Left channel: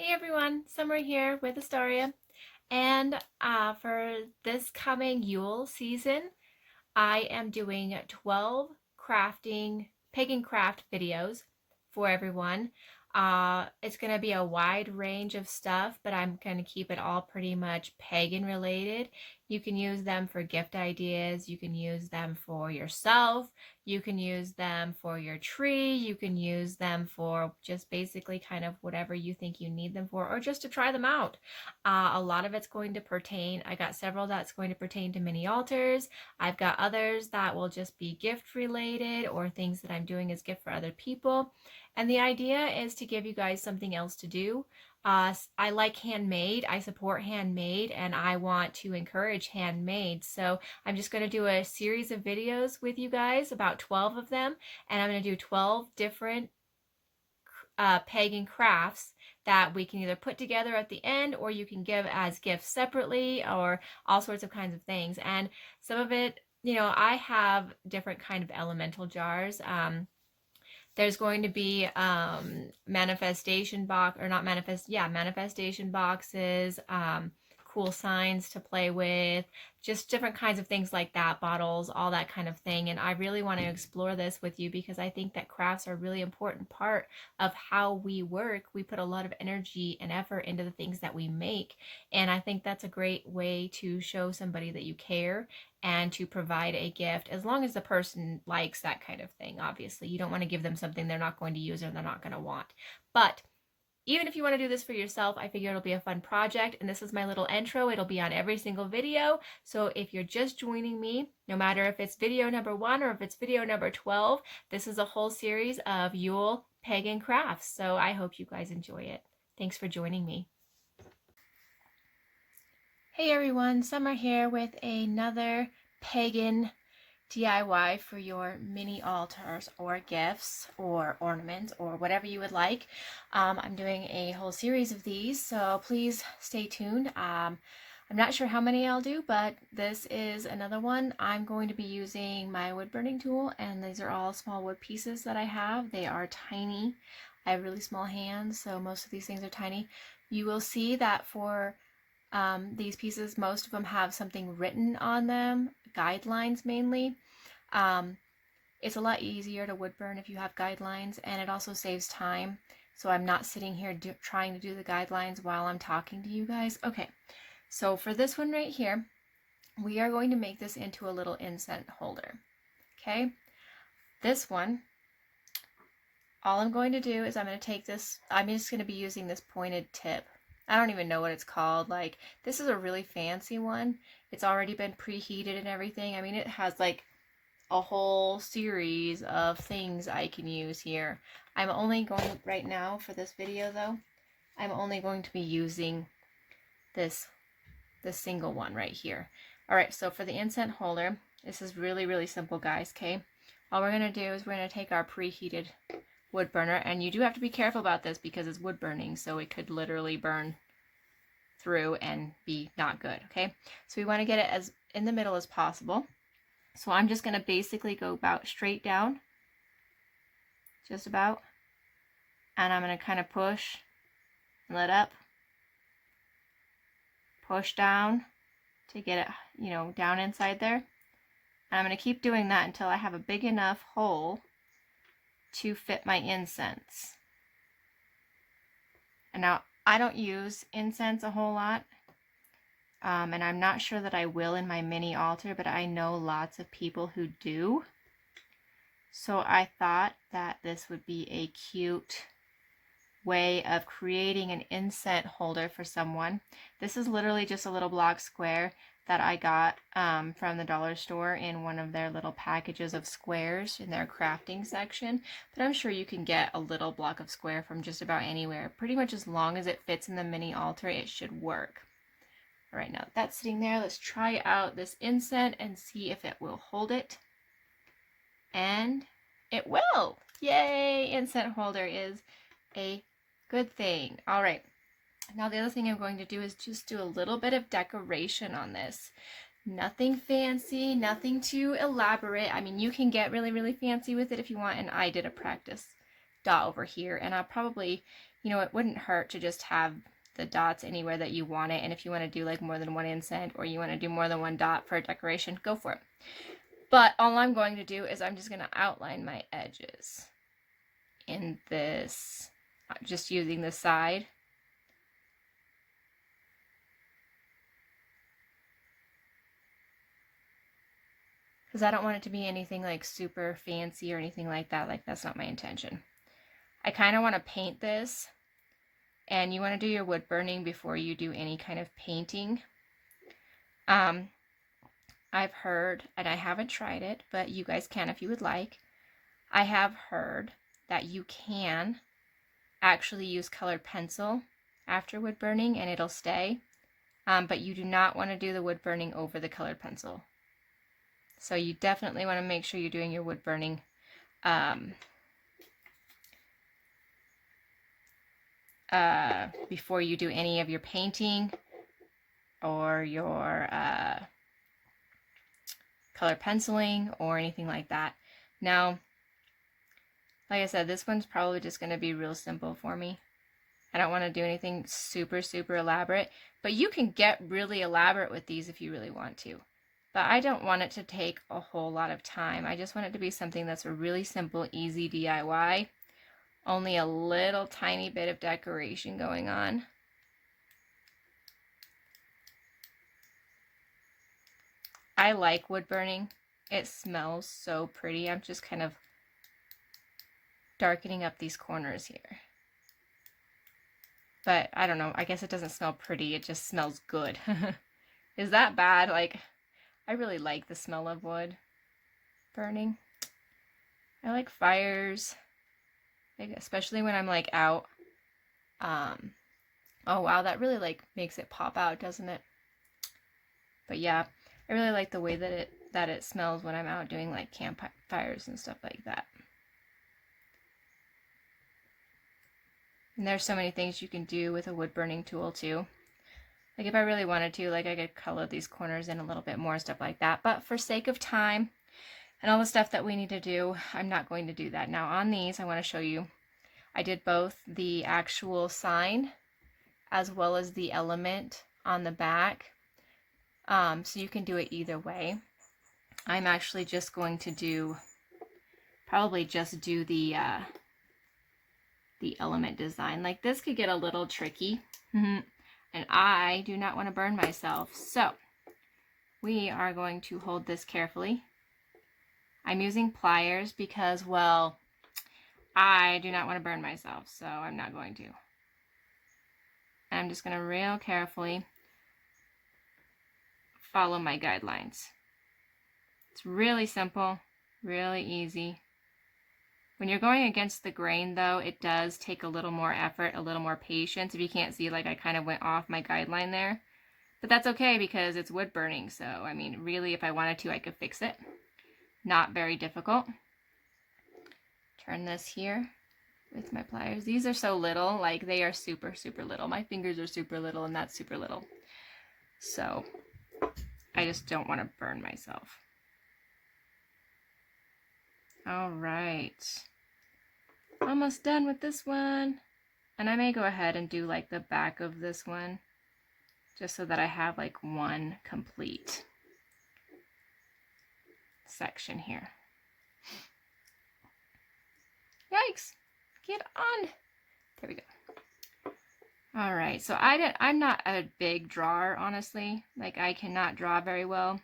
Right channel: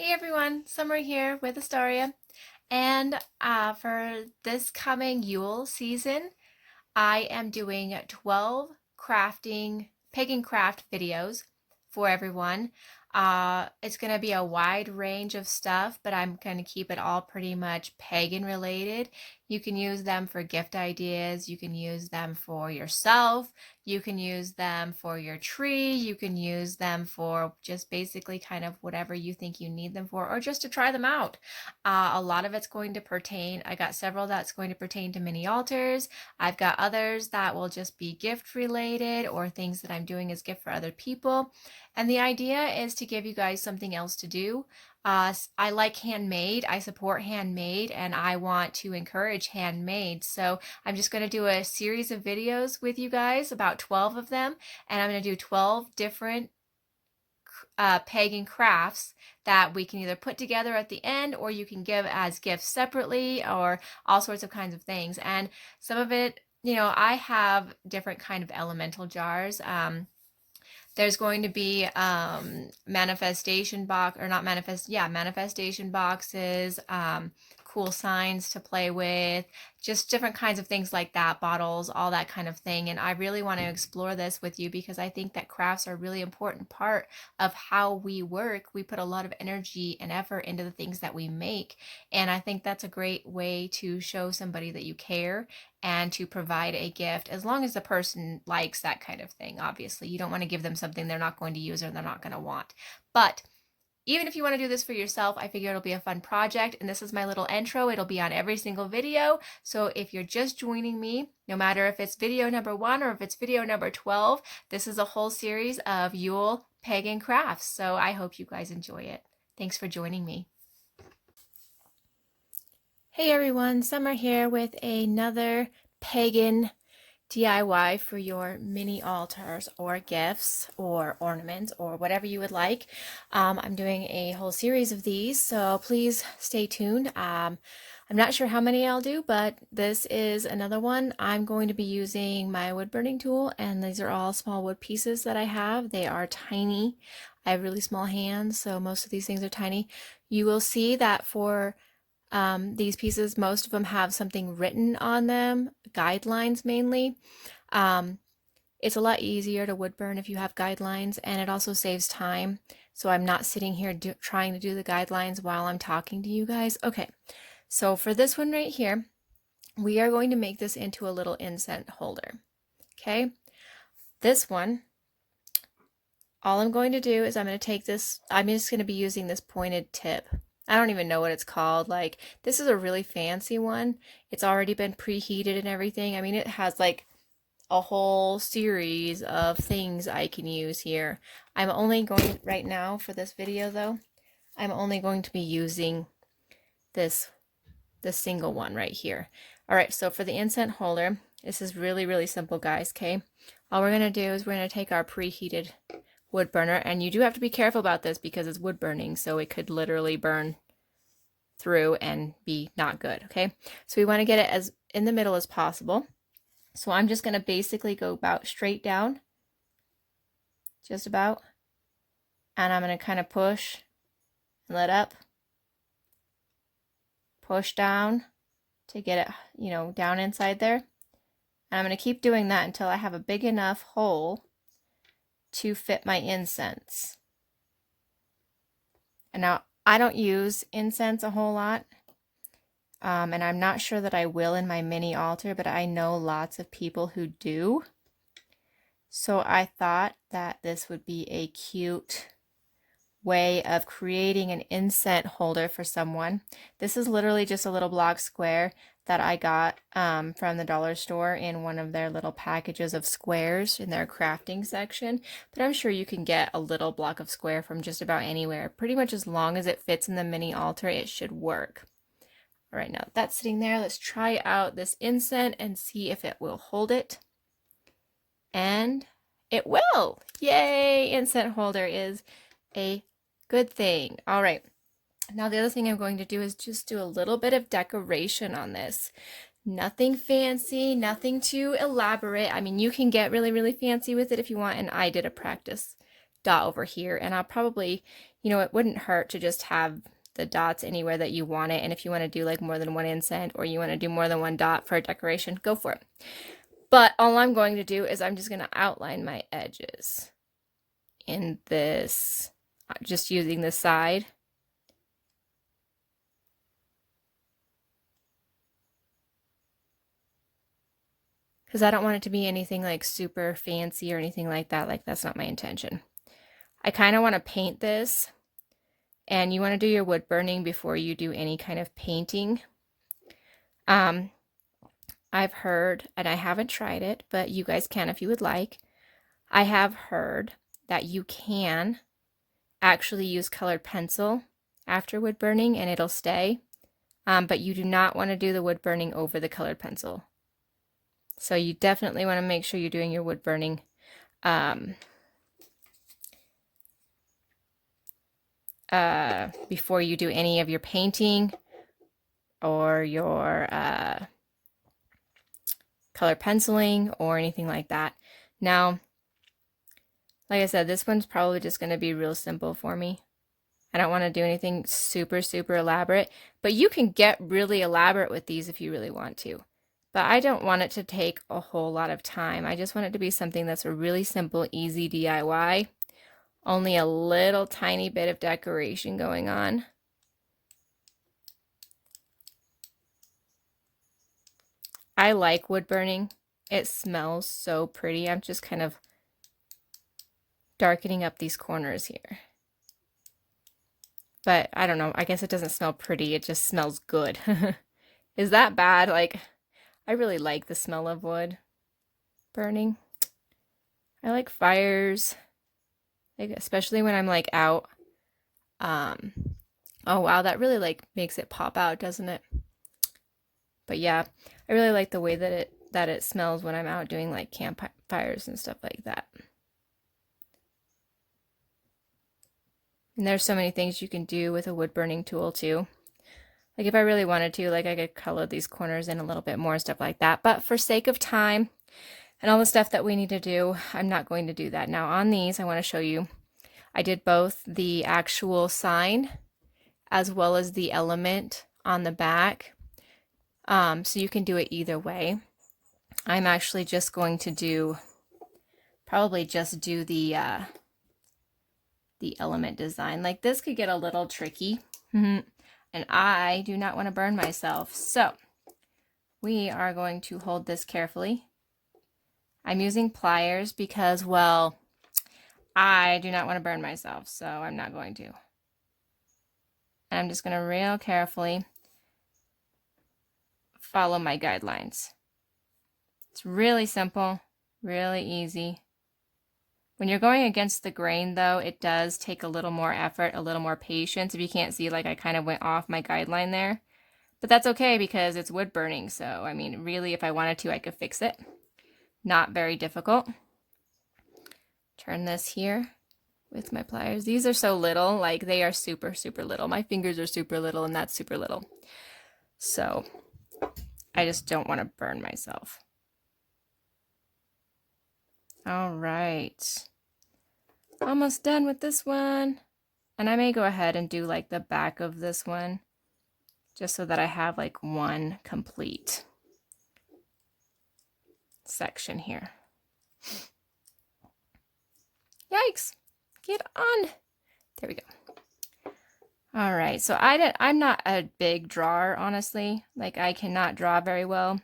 Hey everyone, Summer here with Astaria. And for this coming Yule season, I am doing 12 pagan craft videos for everyone. It's going to be a wide range of stuff, but I'm going to keep it all pretty much pagan related. You can use them for gift ideas. You can use them for yourself. You can use them for your tree. You can use them for just basically kind of whatever you think you need them for, or just to try them out. A lot of it's going to pertain, I got several that's going to pertain to mini altars. I've got others that will just be gift related or things that I'm doing as gift for other people. And the idea is to give you guys something else to do. I like handmade, I support handmade, and I want to encourage handmade. So I'm just going to do a series of videos with you guys, about 12 of them, and I'm going to do 12 different pagan crafts that we can either put together at the end, or you can give as gifts separately, or all sorts of kinds of things. And some of it, I have different kind of elemental jars. There's going to be manifestation box, or not manifest, yeah, manifestation boxes, cool signs to play with, just different kinds of things like that, bottles, all that kind of thing. And I really want to explore this with you because I think that crafts are a really important part of how we work. We put a lot of energy and effort into the things that we make. And I think that's a great way to show somebody that you care and to provide a gift, as long as the person likes that kind of thing. Obviously, you don't want to give them something they're not going to use or they're not going to want. But even if you want to do this for yourself, I figure it'll be a fun project. And this is my little intro. It'll be on every single video. So if you're just joining me, no matter if it's video number 1 or if it's video number 12, this is a whole series of Yule pagan crafts. So I hope you guys enjoy it. Thanks for joining me. Hey everyone, Summer here with another pagan DIY for your mini altars or gifts or ornaments or whatever you would like. I'm doing a whole series of these, so please stay tuned. I'm not sure how many I'll do, but this is another one. I'm going to be using my wood burning tool, and these are all small wood pieces that I have. They are tiny. I have really small hands, so most of these things are tiny. You will see that for these pieces, most of them have something written on them, guidelines mainly. It's a lot easier to wood burn if you have guidelines, and it also saves time. So I'm not sitting here trying to do the guidelines while I'm talking to you guys. Okay, so for this one right here, we are going to make this into a little incense holder. Okay, this one, all I'm going to do is I'm going to take this, I'm just going to be using this pointed tip. I don't even know what it's called. Like, this is a really fancy one. It's already been preheated and everything. I mean, it has like a whole series of things I can use here. I'm only going, right now for this video though, I'm only going to be using this single one right here. All right, so for the incense holder, this is really, really simple, guys, okay? All we're gonna do is we're gonna take our preheated wood burner, and you do have to be careful about this because it's wood burning, so it could literally burn through and be not good. Okay, so we want to get it as in the middle as possible. So I'm just going to basically go about straight down, just about, and I'm going to kind of push and let up, push down to get it, down inside there. And I'm going to keep doing that until I have a big enough hole to fit my incense. And now I don't use incense a whole lot, and I'm not sure that I will in my mini altar, but I know lots of people who do. So I thought that this would be a cute way of creating an incense holder for someone. This is literally just a little block square that I got from the dollar store in one of their little packages of squares in their crafting section. But I'm sure you can get a little block of square from just about anywhere. Pretty much as long as it fits in the mini altar, it should work. All right, now that's sitting there. Let's try out this incense and see if it will hold it. And it will! Yay! Incense holder is a good thing. All right. Now the other thing I'm going to do is just do a little bit of decoration on this. Nothing fancy, nothing too elaborate. I mean, you can get really, really fancy with it if you want, and I did a practice dot over here, and I'll probably you know, it wouldn't hurt to just have the dots anywhere that you want it. And if you want to do like more than one inset, or you want to do more than one dot for a decoration, go for it. But all I'm going to do is I'm just going to outline my edges in this, just using the side. Because I don't want it to be anything like super fancy or anything like that. Like, that's not my intention. I kind of want to paint this, and you want to do your wood burning before you do any kind of painting. I've heard, and I haven't tried it, but you guys can if you would like. I have heard that you can actually use colored pencil after wood burning and it'll stay, but you do not want to do the wood burning over the colored pencil. So you definitely want to make sure you're doing your wood burning before you do any of your painting or your color penciling or anything like that. Now, like I said, this one's probably just going to be real simple for me. I don't want to do anything super, super elaborate, but you can get really elaborate with these if you really want to. But I don't want it to take a whole lot of time. I just want it to be something that's a really simple, easy DIY. Only a little tiny bit of decoration going on. I like wood burning. It smells so pretty. I'm just kind of darkening up these corners here. But I don't know, I guess it doesn't smell pretty, it just smells good. Is that bad? Like, I really like the smell of wood burning. I like fires, like, especially when I'm like out. Oh wow, that really like makes it pop out, doesn't it? But yeah, I really like the way that it smells when I'm out doing like campfires and stuff like that. And there's so many things you can do with a wood burning tool too. Like if I really wanted to, like I could color these corners in a little bit more, stuff like that. But for sake of time and all the stuff that we need to do, I'm not going to do that. Now on these, I want to show you, I did both the actual sign as well as the element on the back. So you can do it either way. I'm actually just going to do, probably just do the element design. Like this could get a little tricky. And I do not want to burn myself. So we are going to hold this carefully. I'm using pliers because, well, I do not want to burn myself, so I'm not going to. And I'm just going to real carefully follow my guidelines. It's really simple, really easy. When you're going against the grain, though, it does take a little more effort, a little more patience. If you can't see, like I kind of went off my guideline there. But that's okay because it's wood burning. So, I mean, really, if I wanted to, I could fix it. Not very difficult. Turn this here with my pliers. These are so little, like they are super, super little. My fingers are super little and that's super little. So I just don't want to burn myself. All right. Almost done with this one. And I may go ahead and do like the back of this one, just so that I have like one complete section here. Yikes, get on. There we go. All right, so I'm not a big drawer, honestly. Like I cannot draw very well.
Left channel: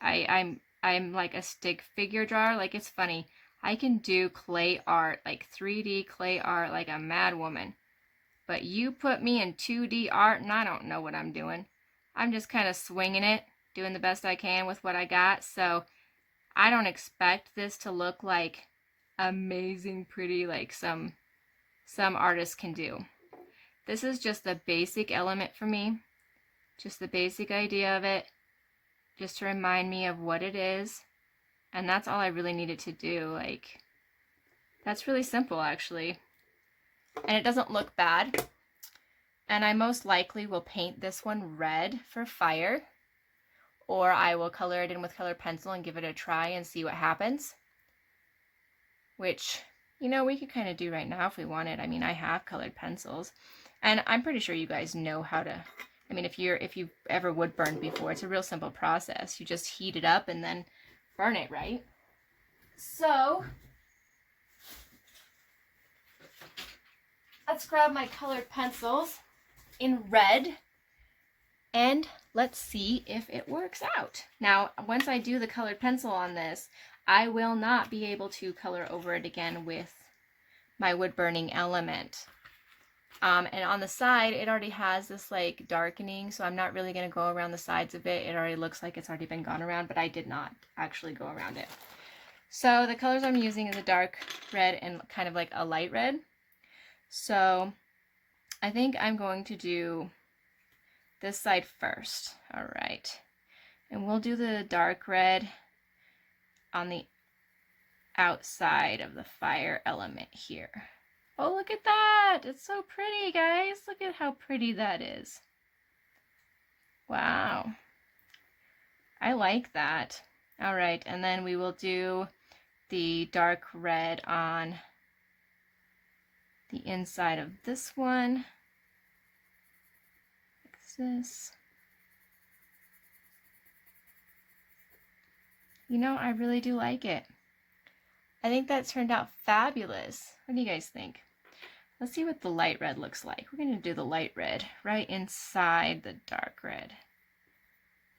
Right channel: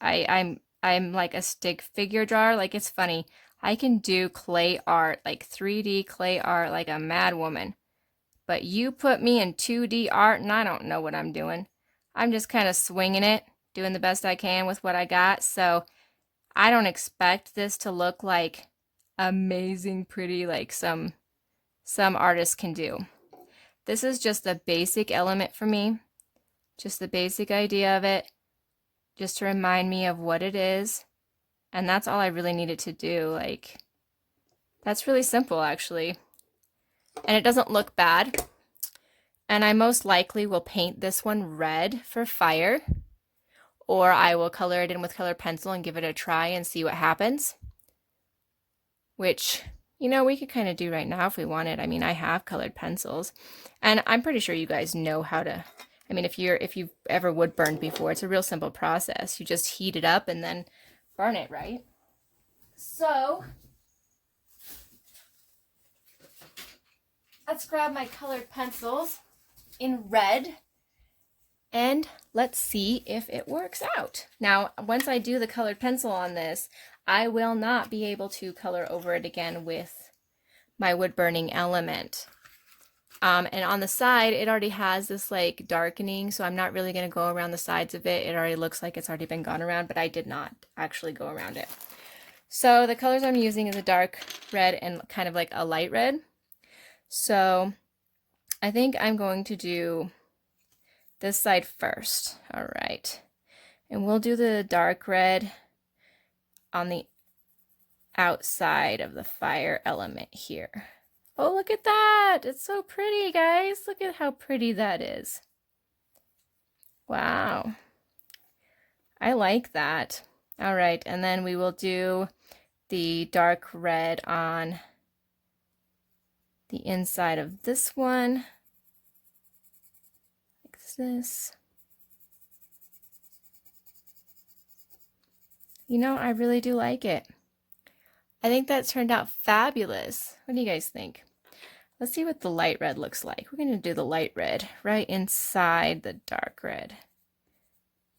I'm like a stick figure drawer. Like it's funny. I can do clay art, like 3D clay art, like a mad woman. But you put me in 2D art and I don't know what I'm doing. I'm just kind of swinging it, doing the best I can with what I got. So I don't expect this to look like amazing pretty like some artists can do. This is just a basic element for me. Just the basic idea of it. Just to remind me of what it is. And that's all I really needed to do. Like, that's really simple actually. And it doesn't look bad. And I most likely will paint this one red for fire. Or I will color it in with colored pencil and give it a try and see what happens. Which You know, we could kind of do right now if we wanted. I mean, I have colored pencils, and I'm pretty sure you guys know how to. I mean, if you've ever wood burned before, it's a real simple process. You just heat it up and then burn it, right? So let's grab my colored pencils in red and let's see if it works out. Now, once I do the colored pencil on this, I will not be able to color over it again with my wood burning element. And on the side, it already has this like darkening, so I'm not really going to go around the sides of it. It already looks like it's already been gone around, but I did not actually go around it. So the colors I'm using is a dark red and kind of like a light red. So I think I'm going to do this side first. All right. And we'll do the dark red on the outside of the fire element here. Oh, look at that. It's so pretty, guys. Look at how pretty that is. Wow. I like that. All right, and then we will do the dark red on the inside of this one. Like this. You know, I really do like it. I think that turned out fabulous. What do you guys think? Let's see what the light red looks like. We're going to do the light red right inside the dark red.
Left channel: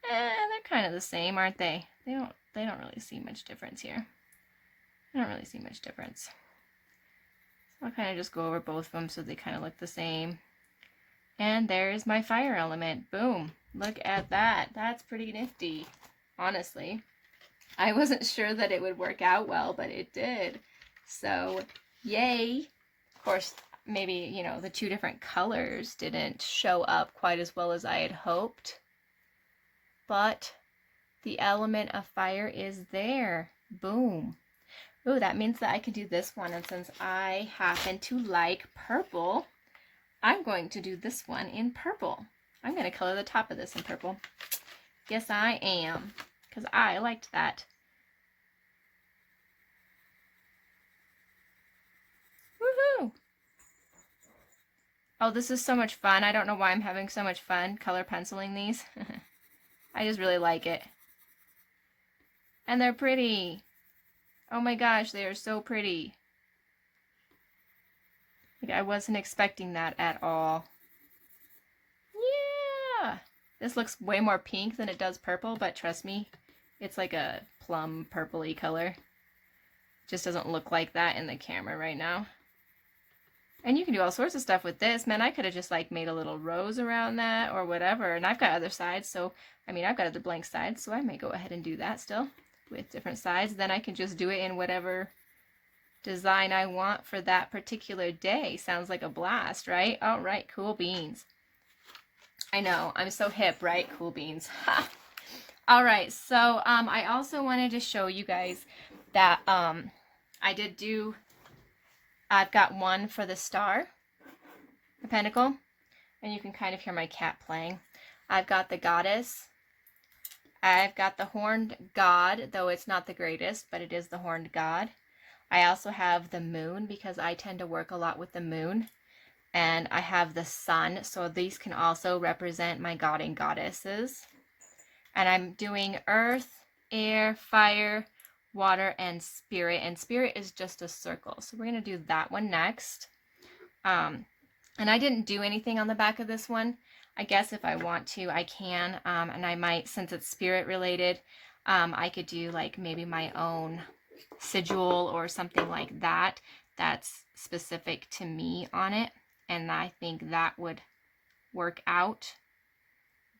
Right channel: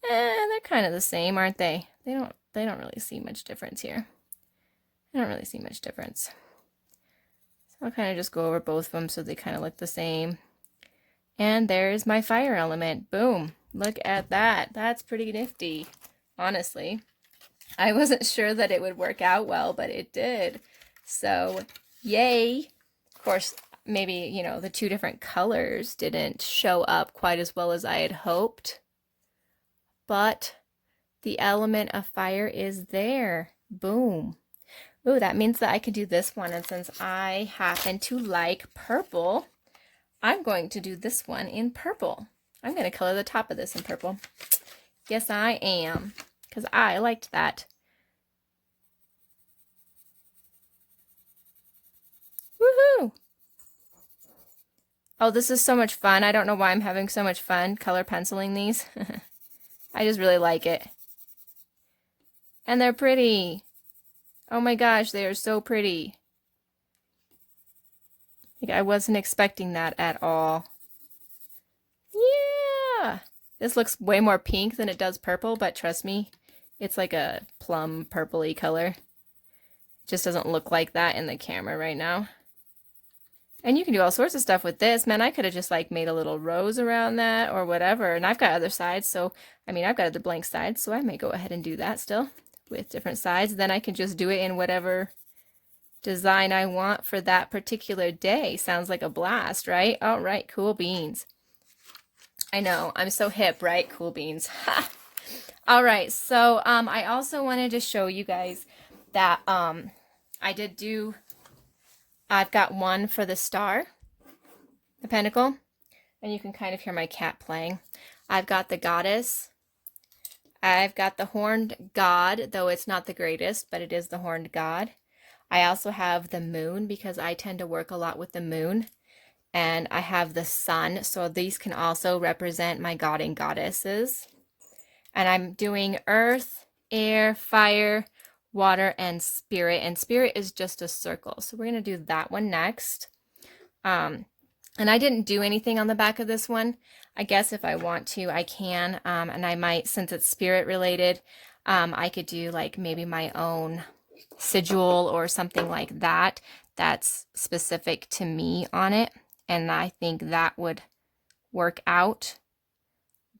They're kind of the same, aren't they? They don't really see much difference here. I don't really see much difference. So I'll kind of just go over both of them so they kind of look the same. And there's my fire element. Boom. Look at that. That's pretty nifty, honestly. I wasn't sure that it would work out well, but it did. So, yay. Of course, maybe, you know, the two different colors didn't show up quite as well as I had hoped. But the element of fire is there. Boom. Ooh, that means that I could do this one. And since I happen to like purple, I'm going to do this one in purple. I'm going to color the top of this in purple. Yes, I am. Because I liked that. Woohoo! Oh, this is so much fun. I don't know why I'm having so much fun color penciling these. I just really like it. And they're pretty. Oh my gosh, they are so pretty. Like, I wasn't expecting that at all. Yeah! This looks way more pink than it does purple, but trust me, it's like a plum purpley color. It just doesn't look like that in the camera right now. And you can do all sorts of stuff with this. Man, I could have just like made a little rose around that or whatever. And I've got other sides, so I mean, I've got other blank sides, so I may go ahead and do that still with different sides. Then I can just do it in whatever design I want for that particular day. Sounds like a blast, right? All right, cool beans. I know, I'm so hip, right? Cool beans. All right, so I also wanted to show you guys that I've got one for the star, the pentacle, and you can kind of hear my cat playing. I've got the goddess. I've got the horned god, though it's not the greatest, but it is the horned god. I also have the moon because I tend to work a lot with the moon. And I have the sun, so these can also represent my god and goddesses. And I'm doing earth, air, fire, water, and spirit is just a circle. So we're going to do that one next. And I didn't do anything on the back of this one. I guess if I want to, I can. And I might, since it's spirit related, I could do like maybe my own sigil or something like that that's specific to me on it. And I think that would work out.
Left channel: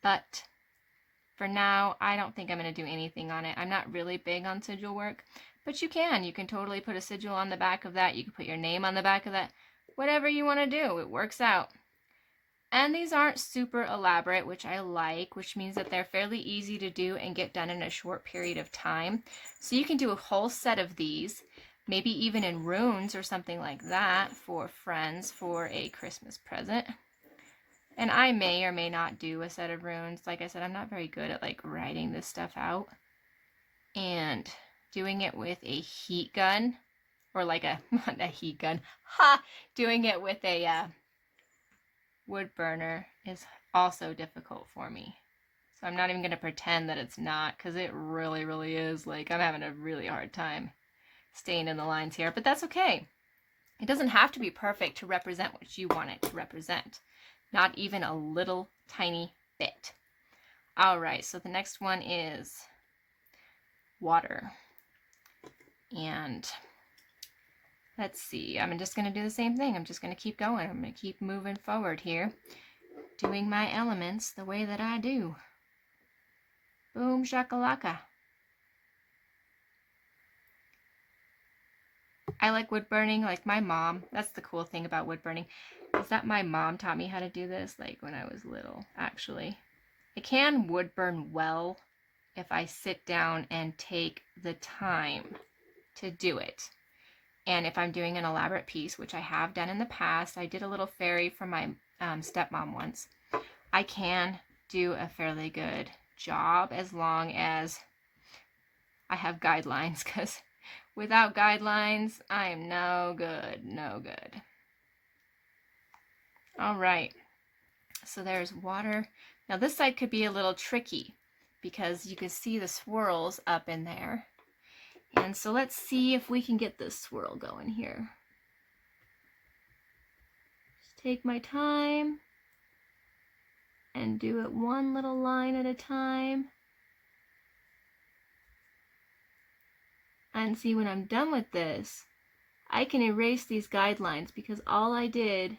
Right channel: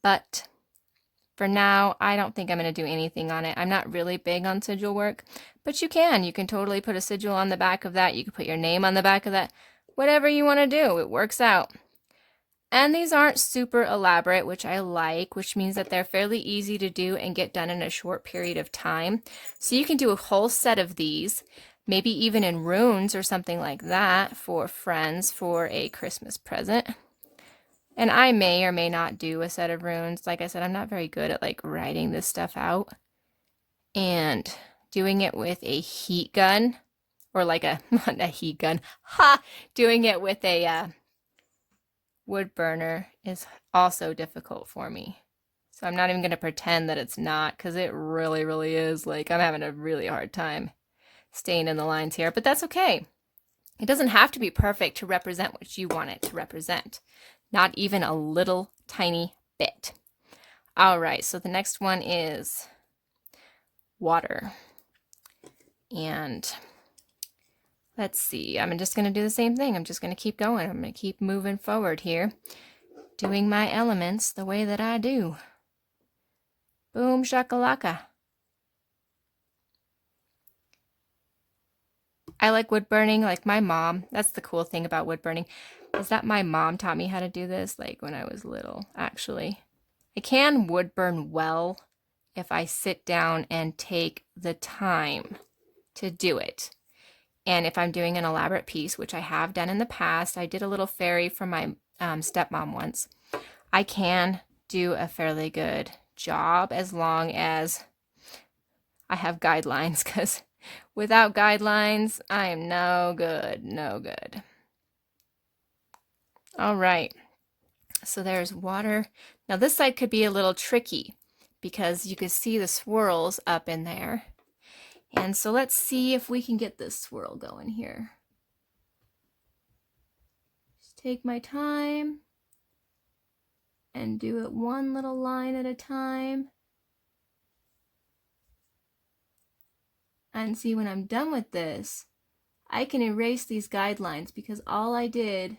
But for now, I don't think I'm going to do anything on it. I'm not really big on sigil work, but you can. You can totally put a sigil on the back of that. You can put your name on the back of that. Whatever you want to do, it works out. And these aren't super elaborate, which I like, which means that they're fairly easy to do and get done in a short period of time. So you can do a whole set of these, maybe even in runes or something like that for friends for a Christmas present. And I may or may not do a set of runes. Like I said, I'm not very good at like writing this stuff out. And doing it with a heat gun or like a, not a heat gun, ha! Doing it with a wood burner is also difficult for me. So I'm not even going to pretend that it's not, because it really, really is. Like, I'm having a really hard time staying in the lines here, but that's okay. It doesn't have to be perfect to represent what you want it to represent. Not even a little tiny bit. All right, so the next one is water. And let's see, I'm just going to do the same thing. I'm just going to keep going. I'm going to keep moving forward here, doing my elements the way that I do. Boom shakalaka. I like wood burning like my mom. That's the cool thing about wood burning, is that my mom taught me how to do this like when I was little, actually. I can wood burn well if I sit down and take the time to do it. And if I'm doing an elaborate piece, which I have done in the past, I did a little fairy for my stepmom once. I can do a fairly good job as long as I have guidelines, because without guidelines, I am no good, no good. All right, so there's water. Now this side could be a little tricky because you can see the swirls up in there. And so let's see if we can get this swirl going here. Just take my time and do it one little line at a time. And see, when I'm done with this, I can erase these guidelines because all I did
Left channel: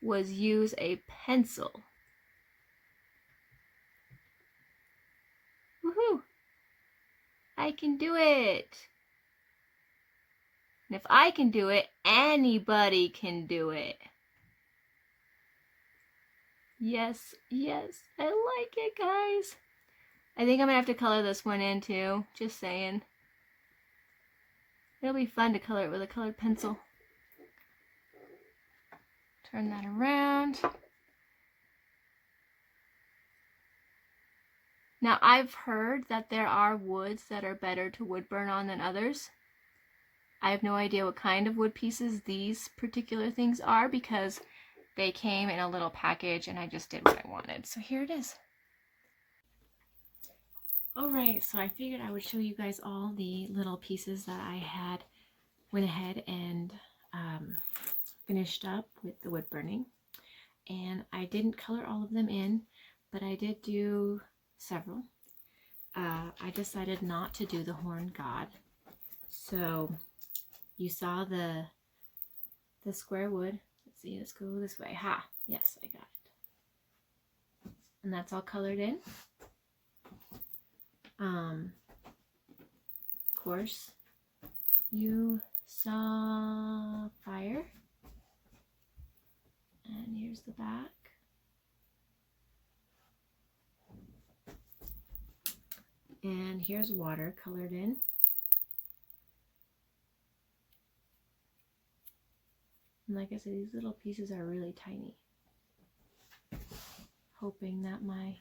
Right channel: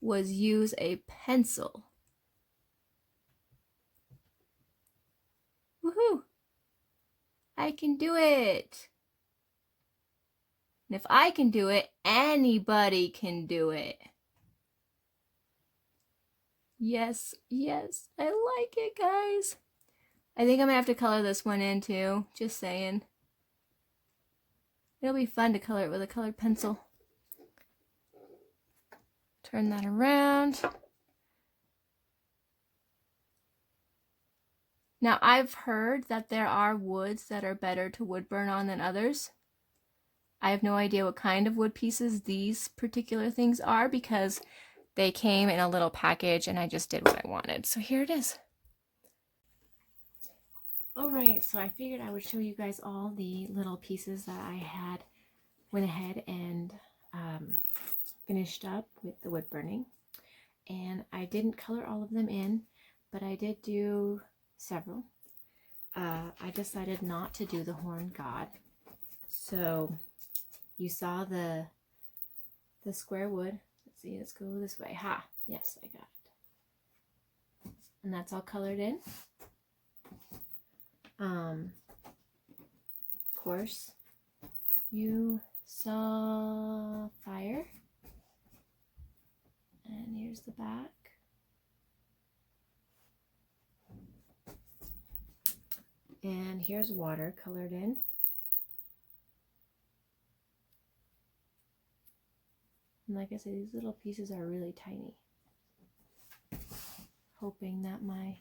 was use a pencil. Woohoo! I can do it! And if I can do it, anybody can do it. Yes, yes, I like it, guys. I think I'm gonna have to color this one in too, just saying. It'll be fun to color it with a colored pencil. Turn that around. Now, I've heard that there are woods that are better to wood burn on than others. I have no idea what kind of wood pieces these particular things are because they came in a little package and I just did what I wanted. So here it is. All right, so I figured I would show you guys all the little pieces that I had went ahead and finished up with the wood burning. And I didn't color all of them in, but I did do several. I decided not to do the horned god. So you saw the square wood. Let's see, let's go this way. Ha, yes, I got it. And that's all colored in. Of course, you saw fire. And here's the back. And here's water colored in. And like I said, these little pieces are really tiny. Hoping that my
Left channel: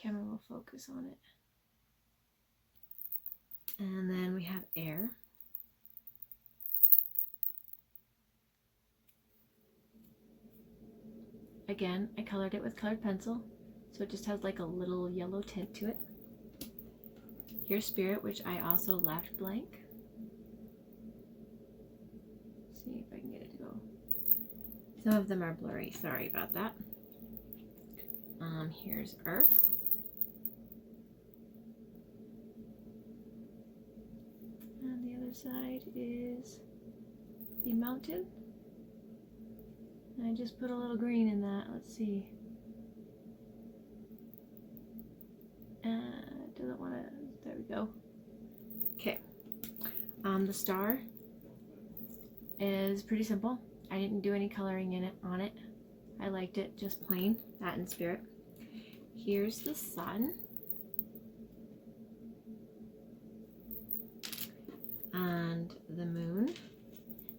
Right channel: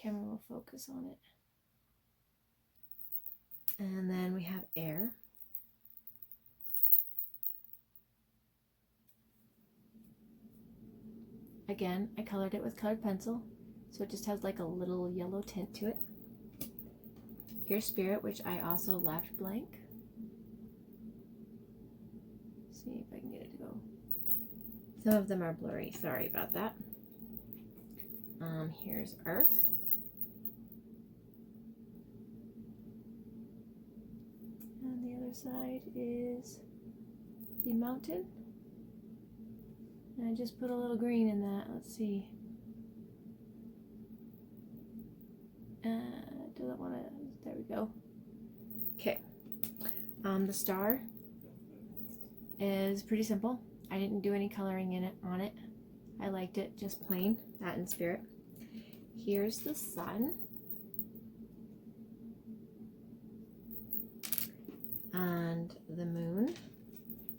camera will focus on it. And then we have air. Again, I colored it with colored pencil, so it just has like a little yellow tint to it. Here's spirit, which I also left blank. Let's see if I can get it to go. Some of them are blurry, sorry about that. Here's earth. And the other side is the mountain. And I just put a little green in that. Let's see. Doesn't want to. There we go. Okay. The star is pretty simple. I didn't do any coloring in it on it. I liked it just plain, that in spirit. Here's the sun. And the moon.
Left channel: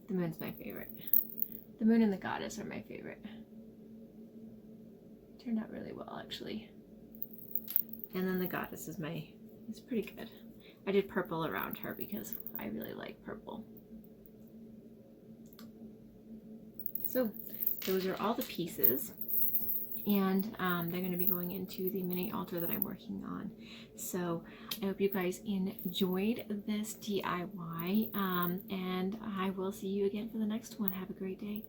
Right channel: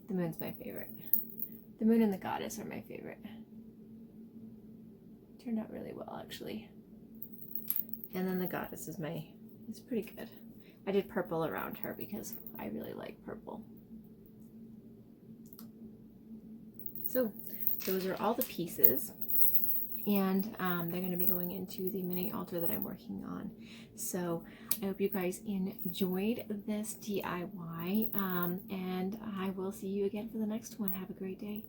The moon's my favorite. The moon and the goddess are my favorite. Turned out really well, actually. And then the goddess is it's pretty good. I did purple around her because I really like purple. So those are all the pieces, and they're going to be going into the mini altar that I'm working on. So I hope you guys enjoyed this DIY, and I will see you again for the next one. Have a great day.